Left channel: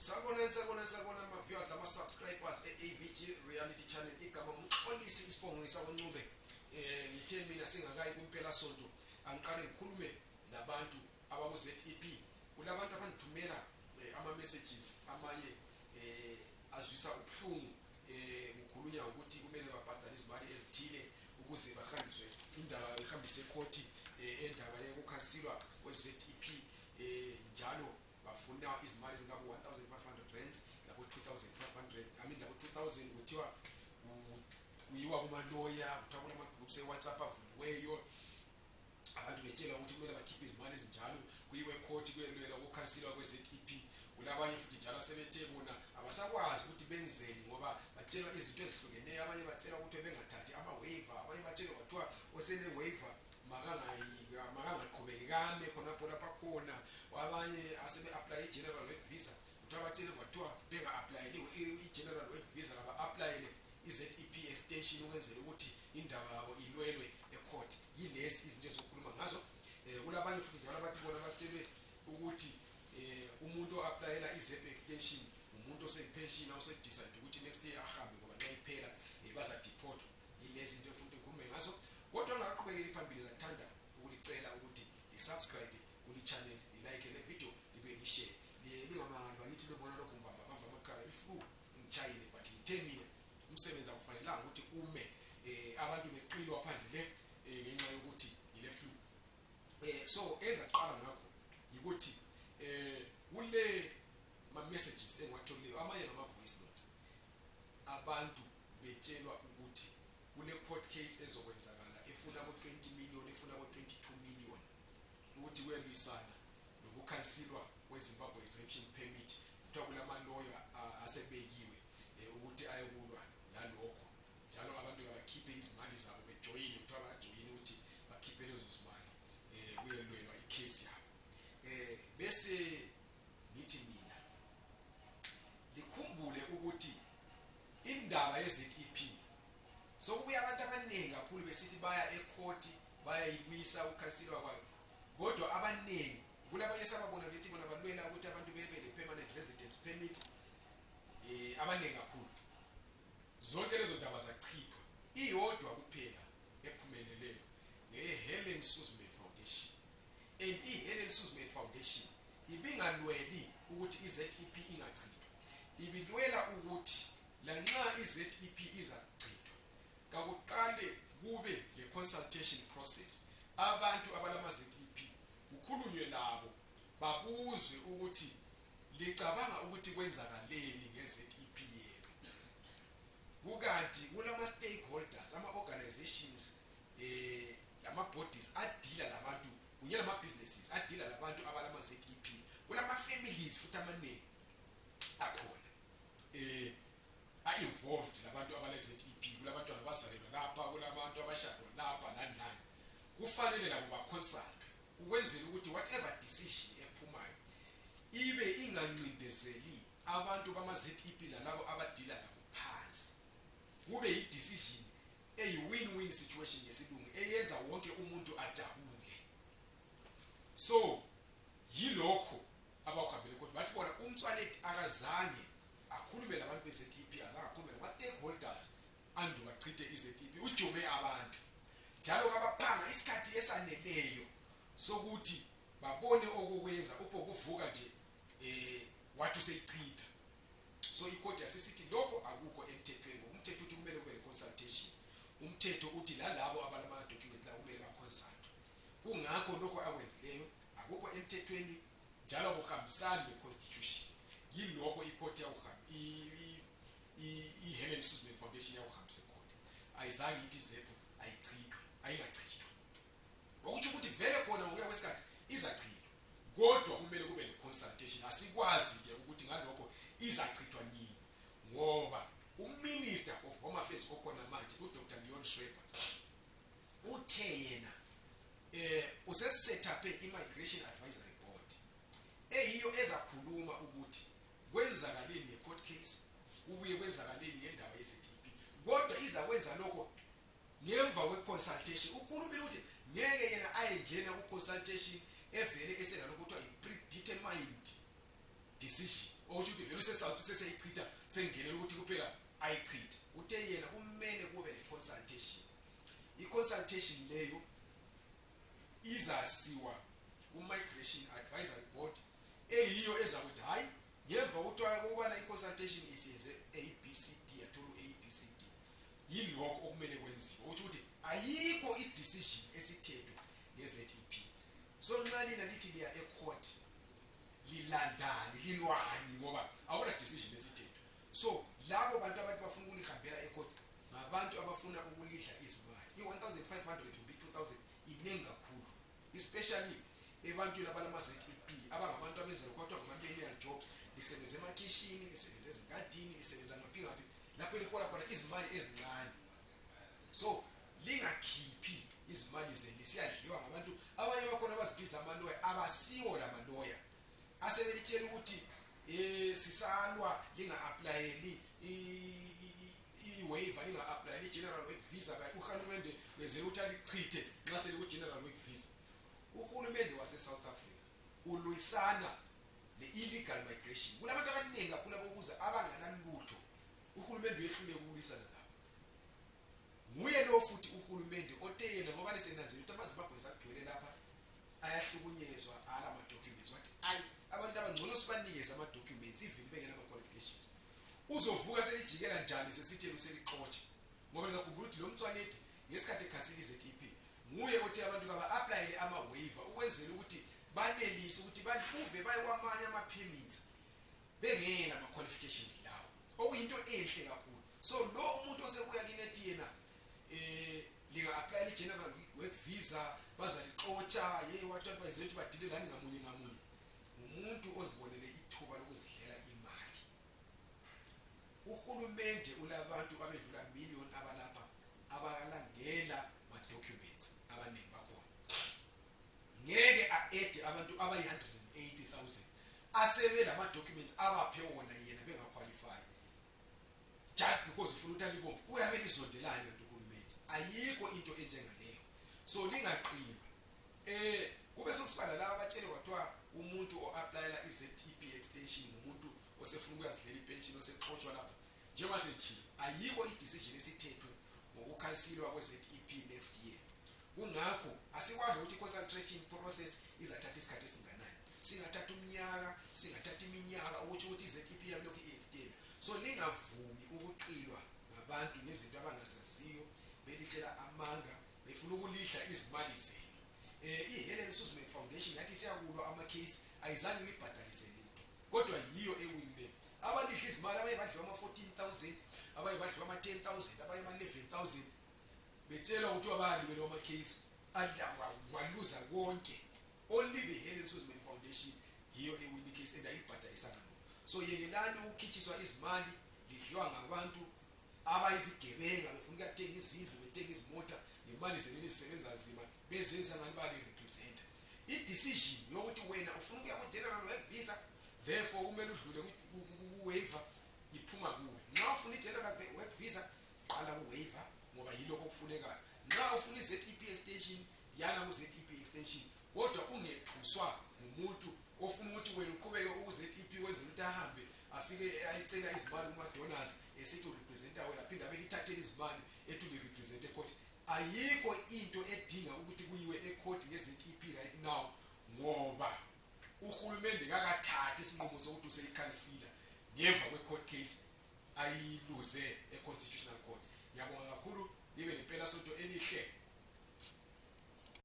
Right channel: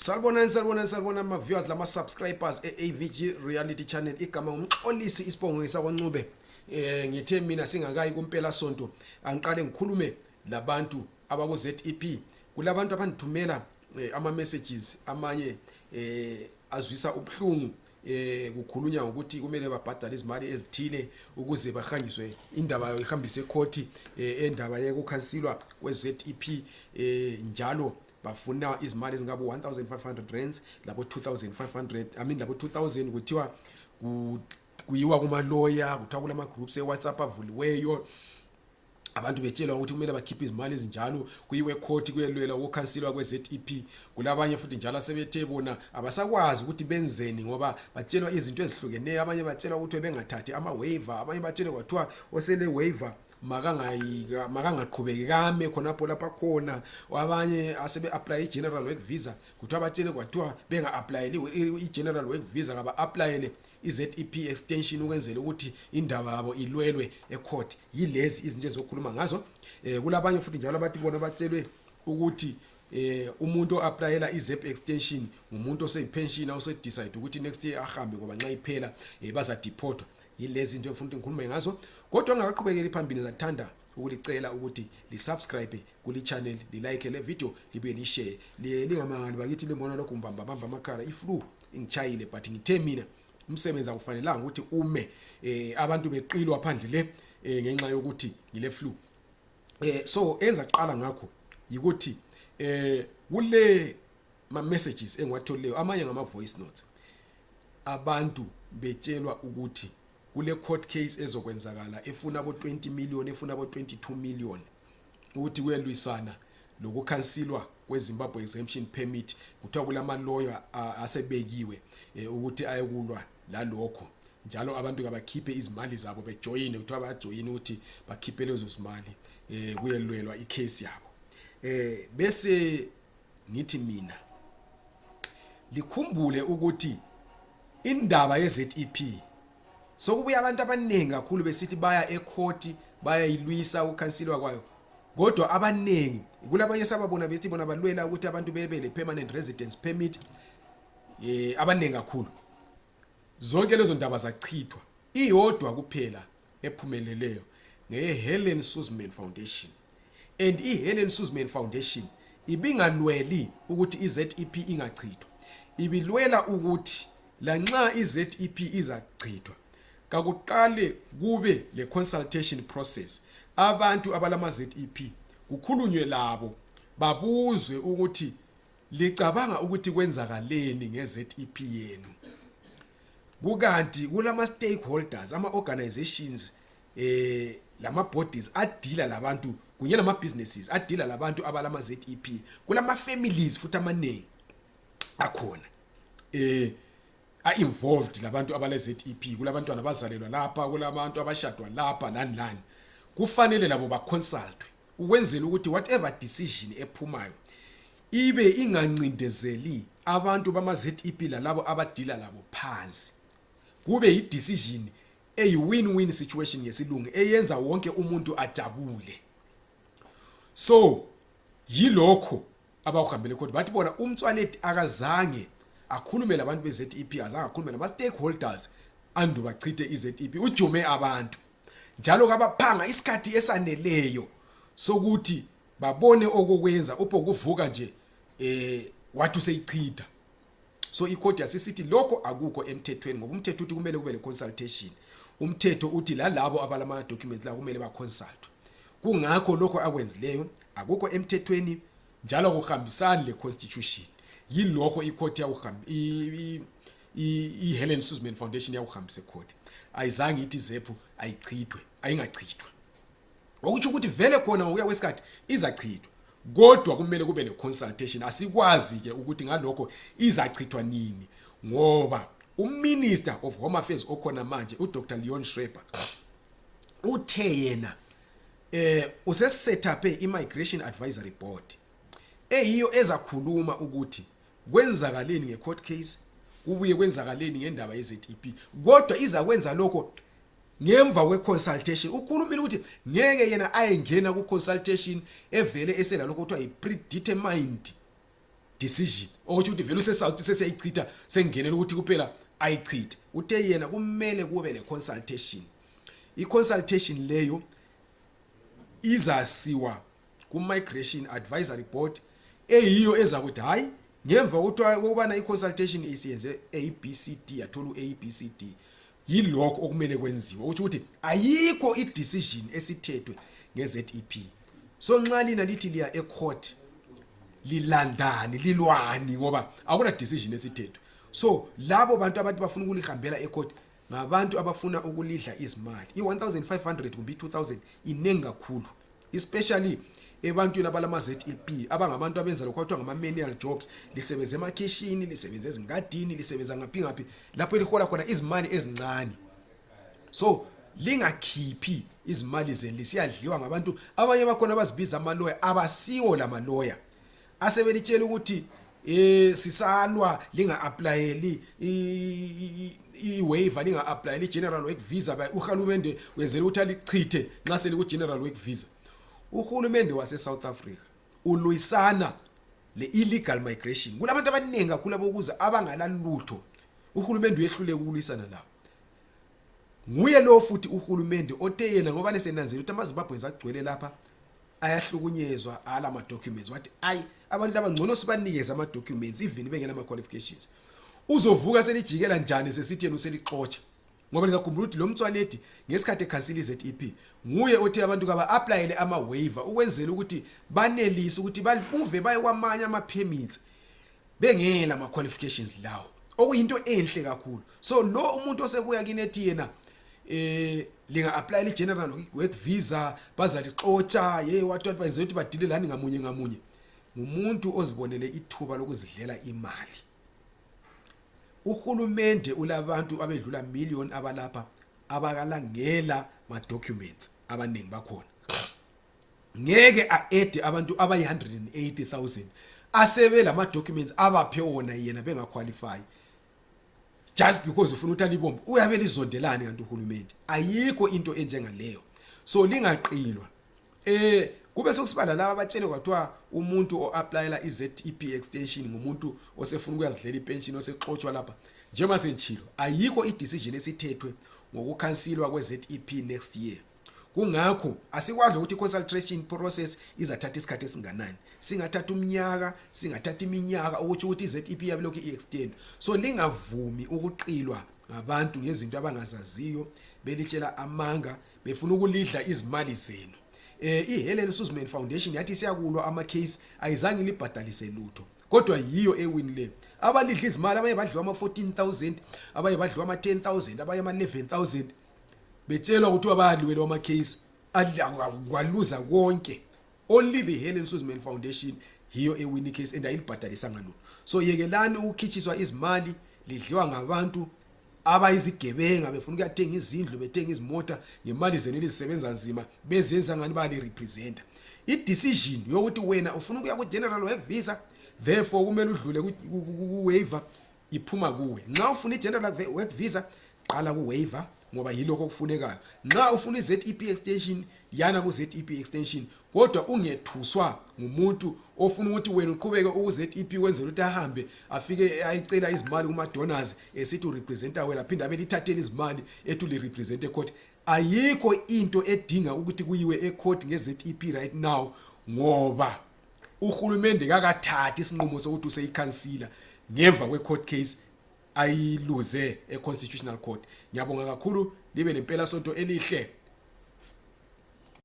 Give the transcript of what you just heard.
Salibona ama viewers lama subscribers eAVG Reality Channel. Igama umxolisi isibongo sakwaNcube. Ngithe mina singakayi kumpela sonto angiqale ngikhulume labantu abaku ZEP. Kulabantu abandithumela ama messages amanye azwisa ubhlungu kukhulunywa ukuthi kumele babhadale izimali ezithile ukuze bahanjiswe indaba ihambise ecourt endaba yekukhansilwa kwe ZEP njalo bafuna izimali ezingaba 1500 rands labo 2500 labo 2000 kuthiwa kuyiwa kuma lawyer kuthiwa kulama groups eWhatsApp avuliweyo abantu betshelwa ukuthi kumele bakhiphe izimali ezinjalo kuyiwe court kuyelwela ukukhansilwa kwe ZEP. Kulabanye futhi njalo asebethe bona abasakwazi ukuthi benzeni ngoba batshelwa izinto ezihlukeneyo. Abanye batshelwa ukuthi bengathathi ama waiver, abanye batshelwa kwathiwa osele waiver makangaqhubeki kame khonapho lapha khona. Abanye asebe apply i-general work visa kuthiwa batshele kwathiwa benga applyele i-general work visa ngaba applyele i-ZEP extension ukwenzela ukuthi indaba yabo ilwelwe ecourt. Yilezi izinto ezokhuluma ngazo. Kulabanye futhi njalo abathi bona batshelwe ukuthi umuntu oapplyela i-ZEP extension umuntu oseyipension osedecide ukuthi next year ahambe ngoba nxa iphela baza deportwa. Yilezi izinto efuna ngikhulume ngazo. Kodwa ngaqhubekela phambili zathanda ukulicela ukuthi lisubscribe kuli channel, like le video, libe li share. Lingamangani bakithi libona lokho mbamba amakhala iflu ingichayile but ngithe mina umsebenzi akufanelanga ukuthi ume abantu beqilwa phandle le ngenxa yokuthi ngile flu. So enza qala ngakho yikuthi kule ma messages engiwatholeyo amanye ngama voice notes abantu betshelwa ukuthi kule court case ezokwenzakala efuna abo 20 million efuna abo 22 million ukuthi kuyelwisana lokukhansilwa kweZimbabwe exemption permit. Kuthiwa kulama lawyer asebekiwe ukuthi ayekulwa lalokho njalo abantu kabakhiphe izimali zabo bejoin kuthiwa bajoin ukuthi bakhiphe lezo zimali kuyelwelwa icase yabo. Bese ngithi mina likhumbule ukuthi indaba yeZEP sokubuya abantu abanengi kakhulu besithi baya ecourt bayayilwisa ukukhansilwa kwayo, kodwa abanengi kulabanye sababona bethi bona balwela ukuthi abantu bebe le permanent residence permit. Abanengi kakhulu zonke lezo ndaba zachithwa, iyodwa kuphela ephumeleleyo ngeHelen Suzman Foundation. And iHelen Suzman Foundation ibingalweli ukuthi iZEP ingachithwa, ibilwela ukuthi lanxa iZEP izachithwa kakuqale kube le consultation process. Abantu abalama ZEP kukhulunywe labo babuzwe ukuthi licabanga ukuthi kwenzakaleni ngeZEP yenu. Kukanti kulama stakeholders ama organizations lama bodies adila labantu kunye nama businesses adila labantu abalama ZEP, kulama families futhi amanengi akhona involved labantu abale ZEP. Kulabantwana abazalelwa lapha, kulabantu abashadwa lapha lani. Kufanele labo ba consultwe ukwenzela ukuthi whatever decision ephumayo ibe ingancindezeli abantu bama ZEP lalabo abadila labo phansi, kube yi decision eyi win-win situation yesilungu eyenza wonke umuntu ajabule. So yilokho abahambele khona bathi bona umtswaleti akazange akhulume labantu beZEP, azange akhulume nama stakeholders andu bachithe iZEP, ujume abantu njalo kabaphanga isikhathi esaneleyo sokuthi babone okokwenza upokuvuka nje wathi useyichitha. So icourt yasisithi lokho akukho emthethweni ngoba umthetho uthi kumele kube le consultation. Umthetho uthi lalabo abalama documents la kumele ba consult. Kungakho lokho akwenzileyo akukho emthethweni njalo akuhambisani le constitution. Yilokho icourt yakuhamba iHelen Suzman Foundation yakuhambisa ecourt. Ayizange ithi ZEP ayichithwe, ayingachithwa. Okuthi ukuthi vele khona ngokuya kwesikhathi izachithwa, kodwa kumele kube le consultation. Asikwazi ke ukuthi ngalokho izachithwa nini ngoba uMinister of Home Affairs okhona manje uDr Leon Schreiber uthe yena usesetaphe iMigration Advisory Board eyiyo ezakhuluma ukuthi kwenzakaleni ngecourt case, kubuye kwenzakaleni ngendaba yeZEP, kodwa izakwenza lokho ngemva kweconsultation. Ukhulumile ukuthi ngeke yena ayengena ku consultation evele esela lokho kuthiwa i predetermined decision ukuthi vele usesouth sesiyayichitha sengenela ukuthi kuphela ayichithe. Uthe yena kumele kube le consultation. I-consultation leyo izasiwa ku-Migration Advisory Board eyiyo ezakuthi hayi ngemva ukubana i-consultation isiyenze ABCD yathola uABCD yilokho okumele kwenziwe ukuthi ayikho i-decision esithethwe nge-ZEP. So nxa lina lithi liya e-court lilandani lilwani ngoba akuna decision esithethwe. So labo bantu abathi bafuna ukulihambela e-court ngabantu abafuna ukulidla izimali. I-1500 kumbe i-2000 inengi kakhulu, especially ebantwini abalama ZEP abangabantu abenza lokho kuthiwa ngama-manual jobs. Lisebenza emakhishini, lisebenza ezingadini, lisebenza ngaphi lapho lihola khona izimali ezincane. So lingakhiphi izimali zenu lisiyadliwa ngabantu abanye bakhona abazibiza amaloya abasiwo lamaloya asebelitshela ukuthi sisalwa linga-applyeli i-waiver, linga-applyeli i-general work visa. Uhulumende wenzela ukuthi alichithe nxa seliku-general work visa. Uhulumende wase-South Africa ulwisana le-illegal migration. Kulabantu abaningi kakhulu abokuza abangalalutho. Uhulumende uyehlule ukulwisana lawo. Nguye lo futhi uhulumende othe yena ngoba nesenanzela ukuthi amaZimbabweans agcwele lapha ayahlukunyezwa ala ama-documents. Wathi abantu abangcono sibanikeze ama-documents even bengena ama-qualifications. Uzovuka selijikela njani sesithi yena uselixotsha ngoba ngiyakhumbula ukuthi lo mtswaledi ngesikhathi ekhansila i-ZEP nguye othi abantu kaba-applyele ama-waiver ukwenzela ukuthi banelise ukuthi babuve baye kwamanye ama-permits bengela ama-qualifications lawo, okuyinto enhle kakhulu. So lo umuntu osebuya kini ethi yena linga-applyela i-general work visa bazalixotsha wathi bayenze ukuthi badilelani ngamunye ngumuntu ozibonele ithuba lokuzidlela imali. Uhulumende ulabantu abedlula million abalapha abakalangela ma-documents abaningi bakhona. Ngeke a-ede abantu abayi-180,000 asebe lama-documents abaphe wona yena bengaqualify just because ufuna ukuthi alibombe. Uyabe lizondelani kanti uhulumende? Ayikho into enjengaleyo. So lingaqilwa. Kube sokusibala laba abatshele kwathiwa umuntu o-applyela i-ZEP extension ngumuntu osefuna ukuyazidlela ipension osexotshiwa lapha. Njengoba senjilo ayikho i-decision esithethwe ngokukhansilwa kwe-ZEP next year. Kungakho asikwazi ukuthi i-consultation process izathatha isikhathi esinganani. Singathatha umnyaka, singathatha iminyaka ukuthi i-ZEP yabilokhu i-extend. So lingavumi ukuqilwa ngabantu ngezinto abangazaziyo belitshela amanga befuna ukulidla izimali zenu. I-Helen Suzman Foundation yathi siyakulwa ama-case ayizange libhadalise lutho kodwa yiyo ewinile. Abalidla izimali abaye badliwa ama-14,000, abaye badliwa ama-10,000, abaye ama-11,000 betshelwa ukuthi wabaliwelwa ama-case kwaluza konke. Only the Helen Suzman Foundation hiyo ewini case and ayilibhadalisanga lutho. So yekelani ukukhitshiswa izimali lidliwa ngabantu abayizigebenga befuna ukuyathenga izindlu bethenga izimota ngemali zenu elizisebenza nzima bezenza ngani bali representer. I-decision yokuthi wena ufuna ukuya ku-general work visa therefore kumele udlule ku-waiver iphuma kuwe. Nxa ufuna i-general work visa qala ku-waiver ngoba yilokho okufunekayo. Nxa ufuna i-ZEP extension yana ku-ZEP extension kodwa ungethuswa ngumuntu ofuna ukuthi wena uqhubeke uku-ZEP wenzela ukuthi ahambe afike ayicela izimali kuma-donors esithi urepresenter wena phinda belithathele izimali ethi ulirepresent ecourt. Ayikho into edinga ukuthi kuyiwe ecourt nge-ZEP right now ngoba uhulumende kakathathi isinqumo sokuthi useyikhansila ngemva kwe-court case ayiluze e-constitutional court. Ngiyabonga kakhulu, libe lempela sonto elihle.